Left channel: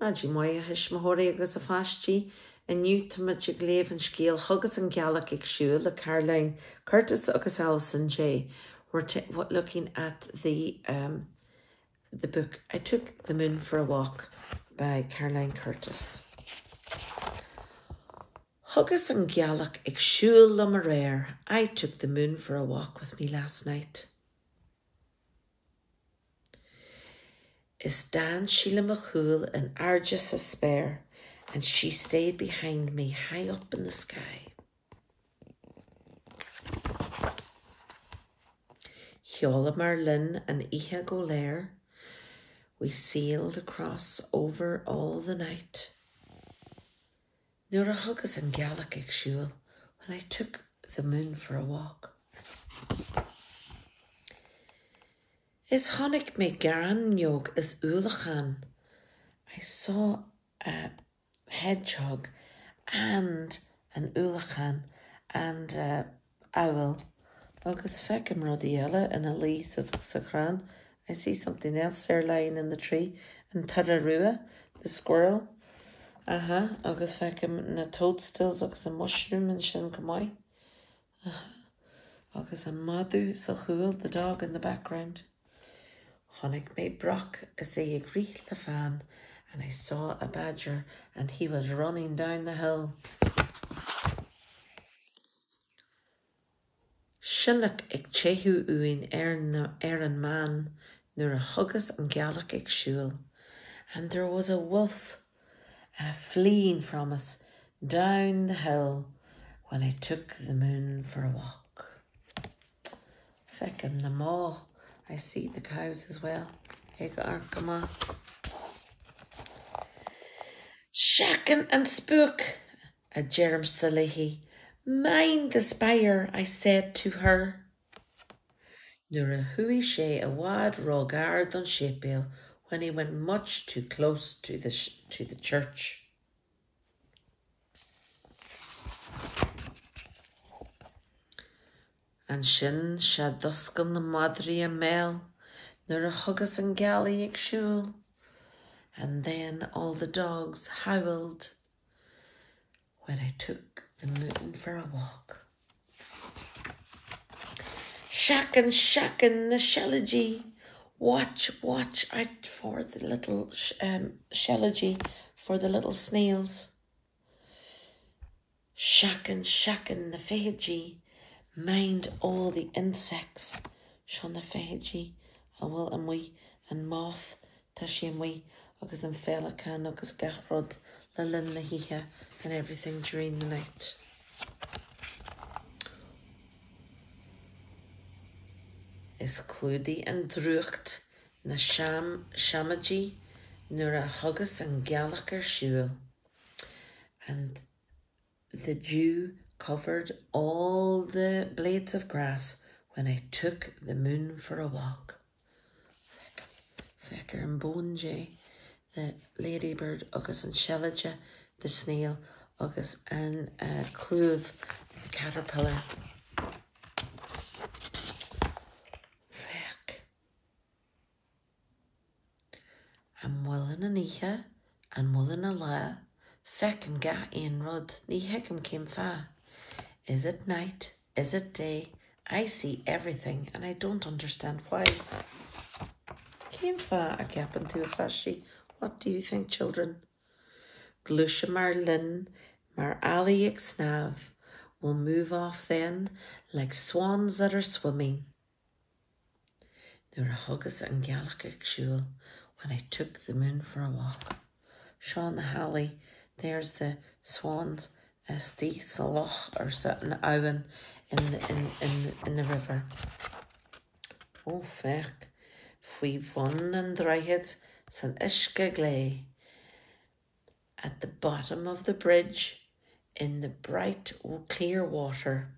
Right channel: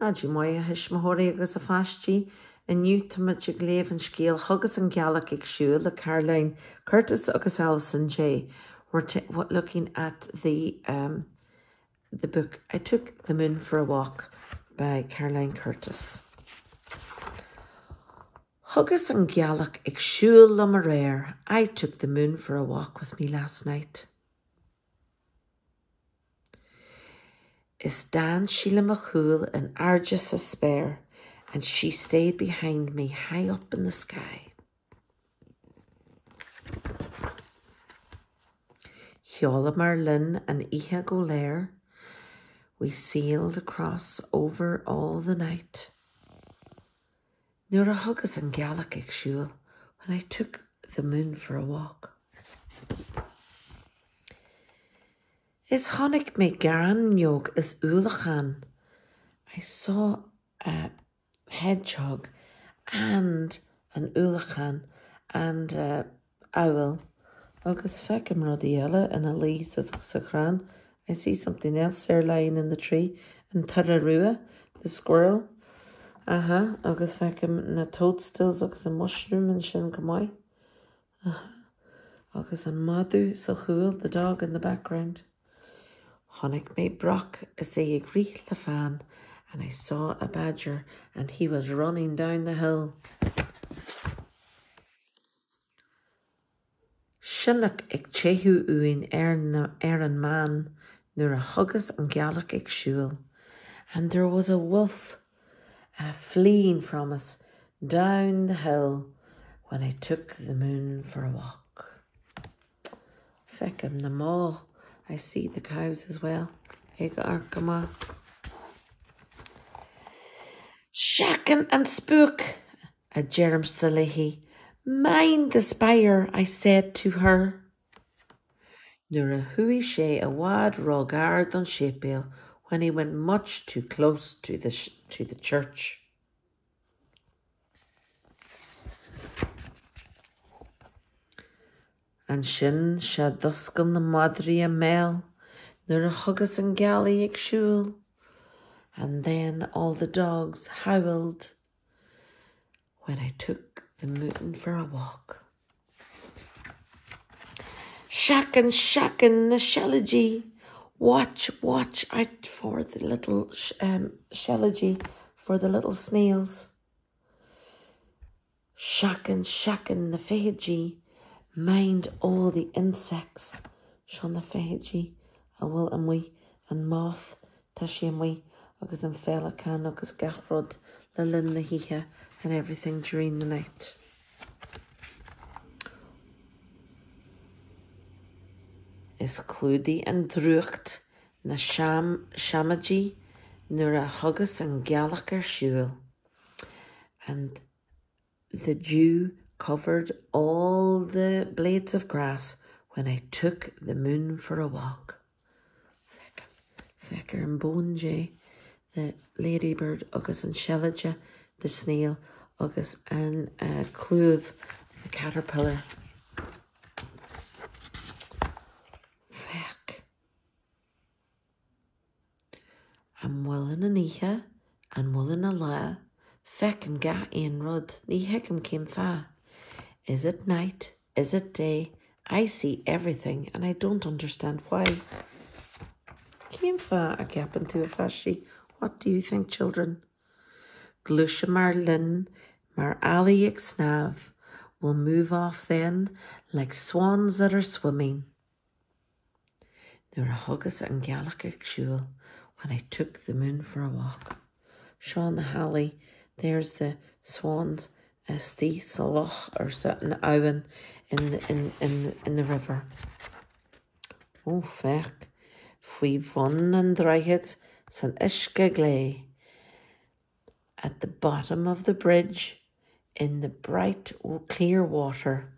Adi moia his mahori agus a fastí a new to much a glaive and scale Thugas and Ghealach ag siúl le Caroline Curtis agus Alison J. We're looking at the book I Took the Moon for a Walk by Caroline Curtis. Thugas and Ghealach ag siúl le mar réir. I took the moon for a walk with me last night. Is Dan Sheila McCool and Argus a spare, and she stayed behind me high up in the sky. Hiola Marlin and Ihe Golair, we sailed across over all the night. Nuair a Thugas and Ghealach ag siúl when I took the moon for a walk. Is honnig me garanjog is Ghealach. I saw a hedgehog and an Ghealach and owl. Agus feckim rodiella and a lee sa I see something else there lying in the tree. And Tararua, the squirrel. Agus feckim na toadstools agus a mushroom and sin kamai. Agus a madu sa chuil, the dog in the background. Honnig me brock as they agree the fan, and I saw a badger and he was running down the hill. Sinnach ag chehu uin an man, nuair a Thugas and Ghealach ag siúl, and there was a wolf fleeing from us down the hill when I took the moon for a walk. Feckim the maw. I see the cows as well. Come on. Shacken and spook, a Jerem Salehi. Mind the spire, I said to her. Nuair a hui sé a wad rogard on Shapeel when he went much too close to the church. And sin sha duscan na madri a mel, nuair a Thugas and Ghealach ag siúl, and then all the dogs howled when I took the moon for a walk. Shacken, shacken, the shellagee, watch out for the little shellagee, for the little snails. Shacken, shacken, the fehagee, mind all the insects. Sean the fehagee, a will and we, and moth, tashi and we, agus an felacan, agus gachrod, le lin na hiha, and everything during the night. Is Clúdi and Drucht na Shamaji nuair a Thugas and Ghealach ar siúl, and the dew covered all the blades of grass when I took the moon for a walk. Fecker and Bonjay, the ladybird, agus an shellage, the snail, agus an clúd, the caterpillar. Feck. I'm willing an ihe, and willing a la, feck and ga ein rud, ni heckum came fa. Is it night? Is it day? I see everything and I don't understand why. Came fa a gappin to a fashi. What do you think, children? Glusha Marlin, Mar Ali Ixnav will move off then like swans that are swimming. There were Thugas and Ghealach ag siúl when I took the moon for a walk. Sean Halley, there's the swans. Stí sa loch or something owen in the river. Oh feck, fwy von and dreiget san iske glay. At the bottom of the bridge, in the bright clear water,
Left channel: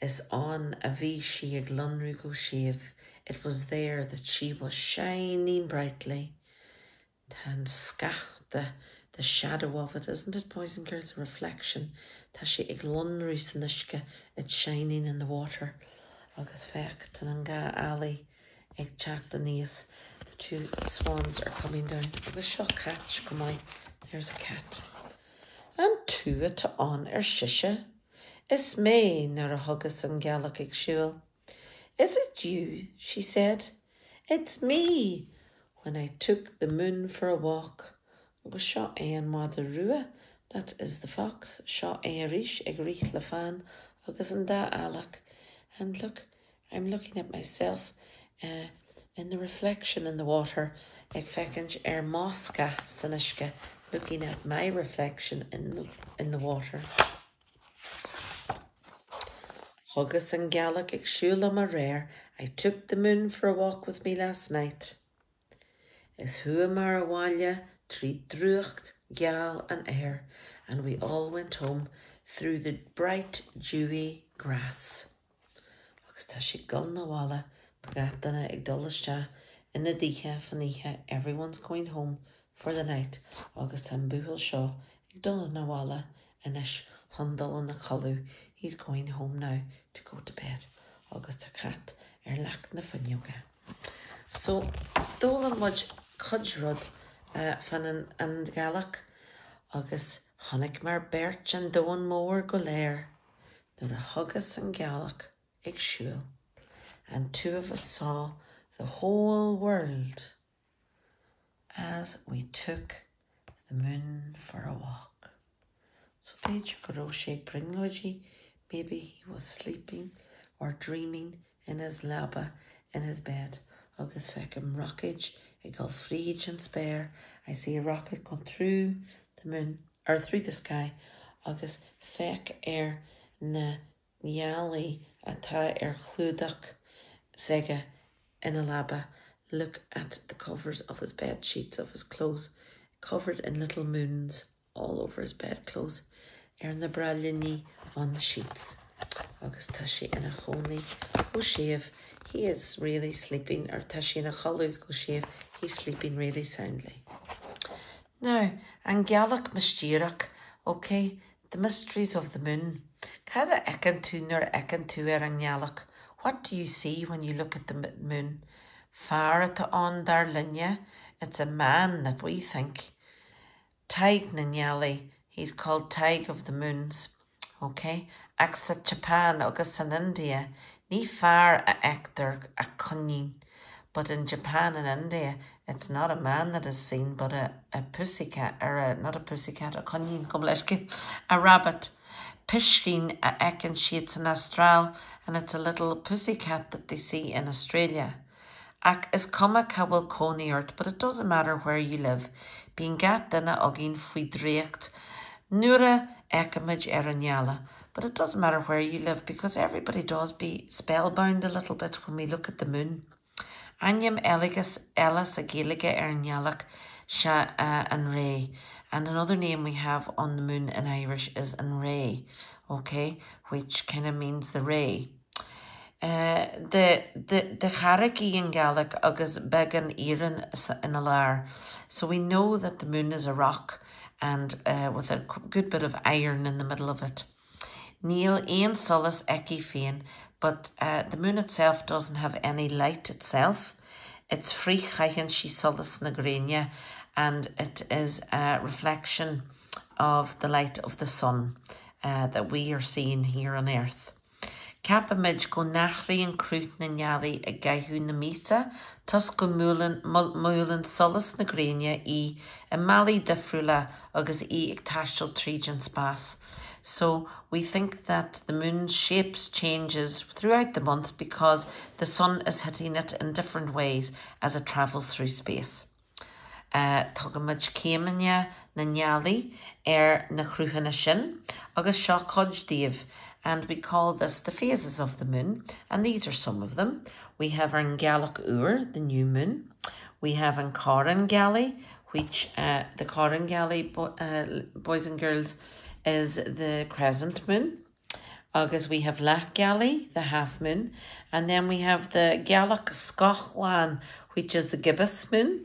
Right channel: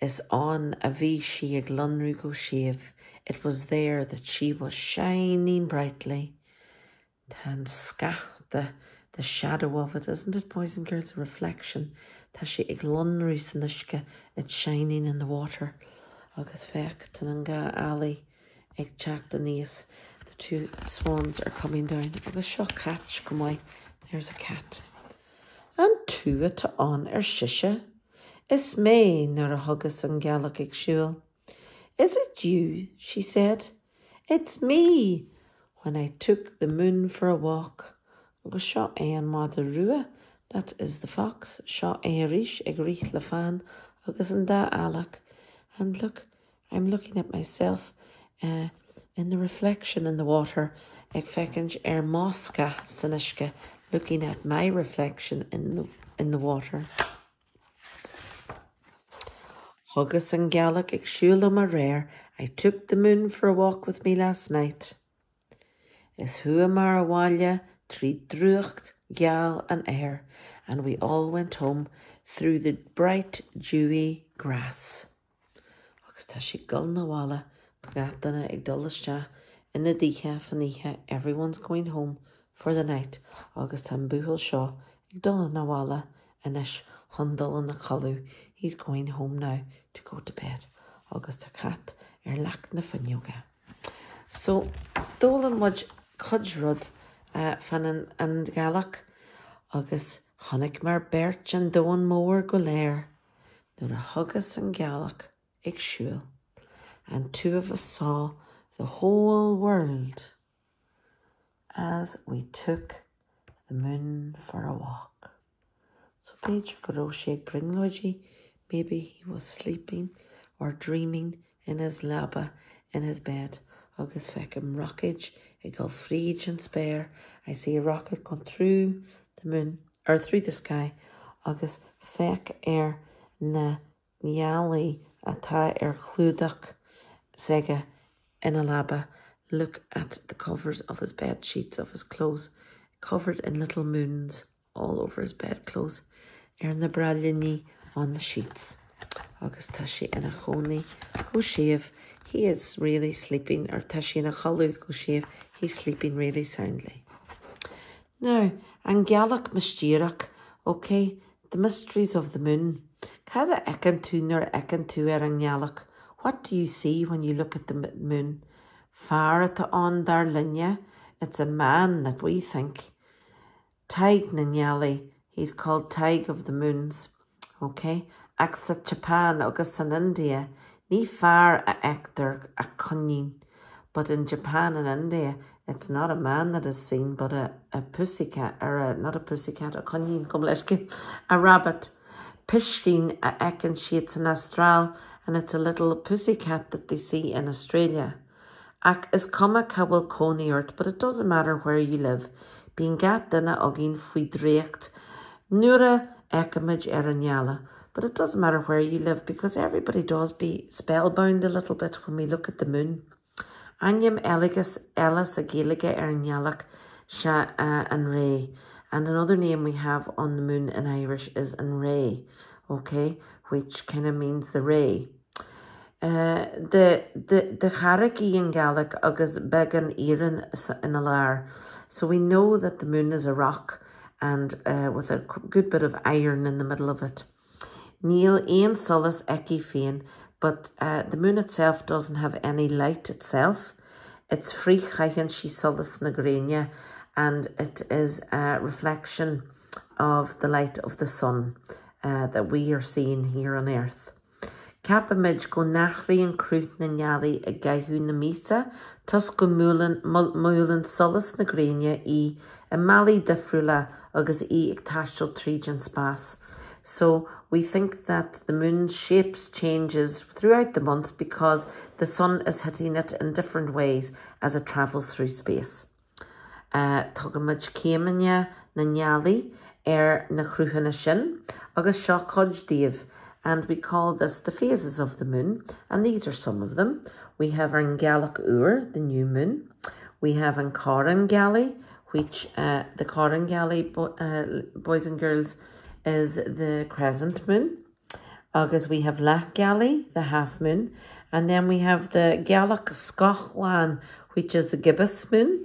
is on a bhí she ag lonrú go siamh. It was there that she was shining brightly. Tan scach the shadow of it, isn't it, boys and girls? A reflection. Ta she ag lonrú san iske, it's shining in the water. Agus feck tan an ga ali ag teach the níos. The 2 swans are coming down. Agus seo catch, come on. There's a cat. And tuaithe an sise. Is me nor a Thugas an Ghealach ag siúl. Is it you? She said. It's me. When I took the moon for a walk. Agus seo an mother rua. That is the fox. Seo éirish ag rith le fan. Agus an da Ghealach. And look, I'm looking at myself in the reflection in the water. Ag fecinn mosca sanishke. Looking at my reflection in the water. Thugas an Ghealach ag siúl am a rare. I took the moon for a walk with me last night. Is hua mar a bhaile, trí drucht, geal and air, and we all went home through the bright, dewy grass. Agus tá si gul na bhaile, gatainna ag duliste in the dithe fanithe, everyone's going home for the night. Agus tá buhil seo ag dul na bhaile, inis hundal in the chalu. He's going home now to go to bed. Agus tá cat lach na fanioga. So, dólan muid cudrod fan an Ghealach, agus honnig mar bert an doan mór go léir, nuair a Thugas an Ghealach ag siúl, and 2 of us saw the whole world as we took the moon for a walk. So Page Garoshe Gringlogy, maybe he was sleeping or dreaming in his labba in his bed. Agus fecum rockage, ag go fríd and spare. I see a rocket going through the moon, or through the sky. Agus fec na miali atá chlúdach sega in a labba. Look at the covers of his bed sheets of his clothes, covered in little moons all over his bedclothes. Na brallini on the sheets. Agus tashi in a choni go sheaf. He is really sleeping, or tashi in a chalu go sheaf. He's sleeping really soundly. Now, an Ghealach mystíreach, okay, the mysteries of the moon. Cada ecan tú nor ecan tú an Ghealach. What do you see when you look at the moon? Far at on dar linja, it's a man that we think. Taig na Ghealach, he's called Taig of the Moons, okay? Axa Japan agus in India, ní far a ector a cunning. But in Japan and India, it's not a man that is seen, but a pussycat, or not a pussycat, a cunning, a rabbit. Pishkin a ekin sheets in Astral, and it's a little pussycat that they see in Australia. Ac is cuma cawal coney earth, but it doesn't matter where you live. Being gat dinna ogin fwy drecht, nura ekamage eranyala. But it doesn't matter where you live, because everybody does be spellbound a little bit when we look at the moon. Anyam eligus elis a Ghealach eranyalach sha an ray. And another name we have on the moon in Irish is an ray, okay, which kind of means the ray. The charací in Ghealach agus began iran in a lar. So we know that the moon is a rock, and with a good bit of iron in the middle of it. Níl ein solas eki féin, but the moon itself doesn't have any light itself. It's free chaichen she solas na grania, and it is a reflection of the light of the sun that we are seeing here on earth. Capamid go nachri and crút na Ghealach a gaihu na misa, tus go múlan solas na grania a mali defrula agus ag tashel tríjan spas. So we think that the moon's shapes changes throughout the month because the sun is hitting it in different ways as it travels through space. Tugamid céimine na Ghealach na chrúhanna sin, agus seo codj díobh. And we call this the phases of the moon, and these are some of them. We have an Ghealach Ur, the new moon. We have an Coran Ghealach, which the Coran Ghealach, boys and girls, is the crescent moon. Agus we have Lach Ghealach, the half moon. And then we have the Ghealach Scotland, which is the gibbous moon.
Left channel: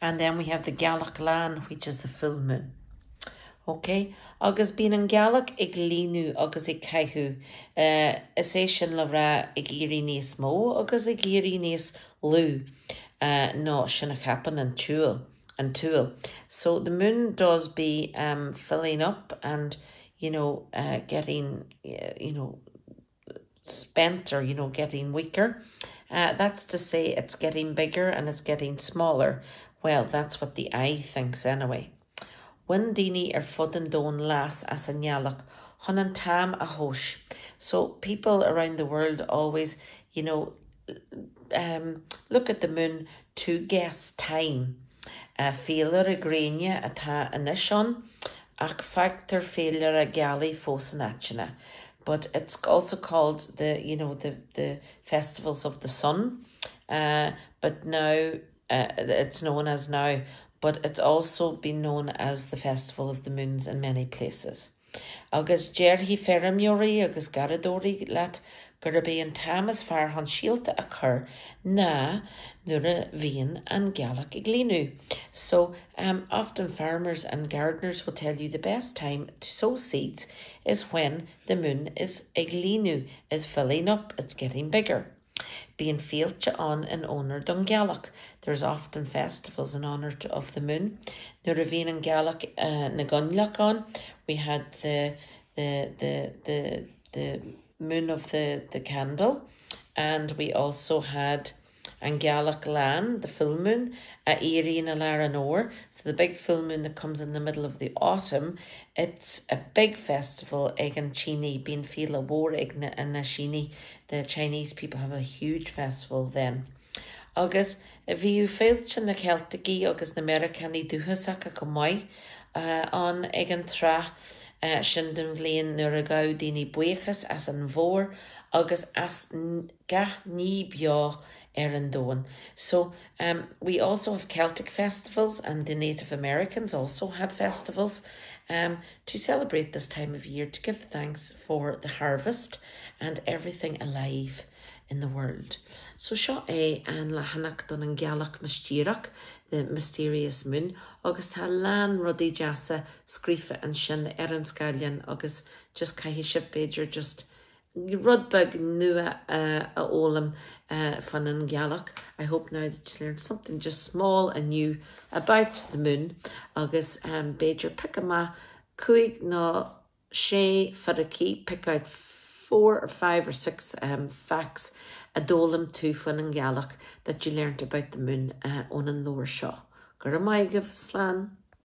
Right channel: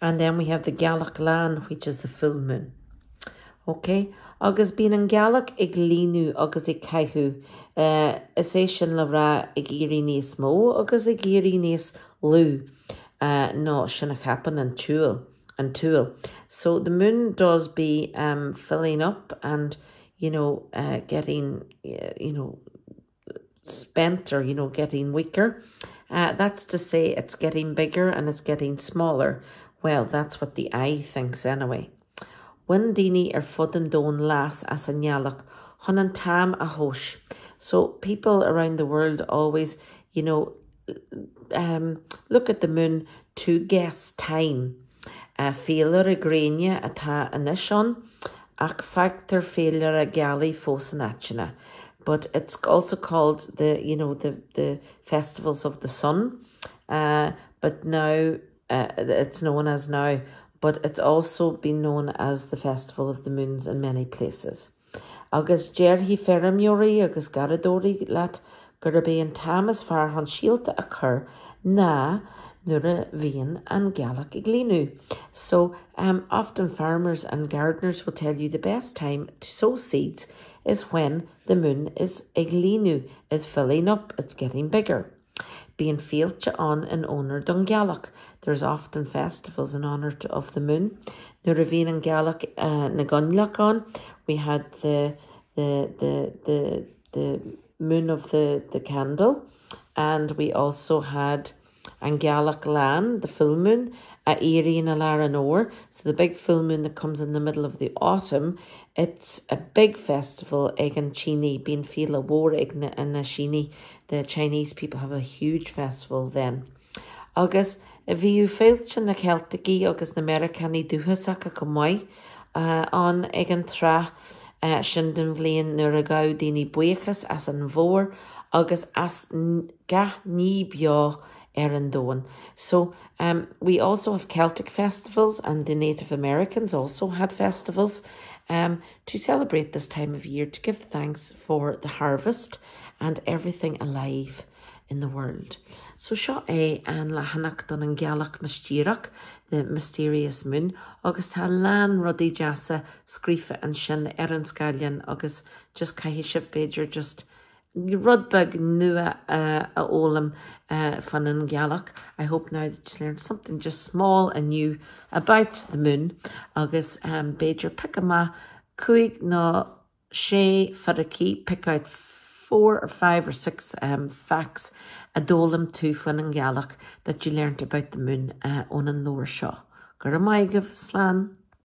And then we have the Ghealach Lan, which is the full moon. Okay, agus bín an Ghealach ag línu agus ag caihu, is é sin le ra ag irí níos mó agus ag irí níos lú. no, shouldn't happen and tool. So the moon does be filling up and, you know, getting, you know, spent or, you know, getting weaker. That's to say it's getting bigger and it's getting smaller. Well, that's what the eye thinks anyway. When dini fudden don las as a Ghealach, hunan tam a hosh. So people around the world always, you know, look at the moon to guess time. Féilear a gréine atá anishon, ach factor féilear a gali fósanachina. But it's also called the, you know, the festivals of the sun. But now, it's known as now, but it's also been known as the festival of the moons in many places. Agus Jerry Ferramuri, agus Garadori, lat Gurabé tam as far hon shielta occur, na nura vien and Ghealach iglinu. So often farmers and gardeners will tell you the best time to sow seeds is when the moon is iglinu, is filling up, it's getting bigger. Being fieldcha on in honor dun Ghealach. There's often festivals in honor of the moon. Nura vien and Ghealach na Ghealach on. We had the moon of the candle, and we also had an Ghealach lan, the full moon, a Erie and a Laranor. So the big full moon that comes in the middle of the autumn, it's a big festival, Egan Chini, being Fila War Igna and Nashini. The Chinese people have a huge festival then. Agus, if you felt in the Celtic agus the Americani duhasaka kamai on Egan Tra. Shinden vlein nuair a gá daoine buchas as an bhór agus as gath ní beo an dóin. So we also have Celtic festivals, and the Native Americans also had festivals to celebrate this time of year, to give thanks for the harvest and everything alive in the world. So seo an lahanach don an Ghealach Mistíreach, the mysterious moon, agus tá lan rudí jasa scrífa an sin an scallion, agus just caihi sibh beidir just rudbag nua a ólam fan an Ghealach. I hope now that you learned something just small and new about the moon, agus beidir pick ma cuig no sé faraki, pick out 4 or 5 or 6 facts a dólam tú fan an Ghealach that you learned about the moon on an lower shaw. Gur a maigah slán.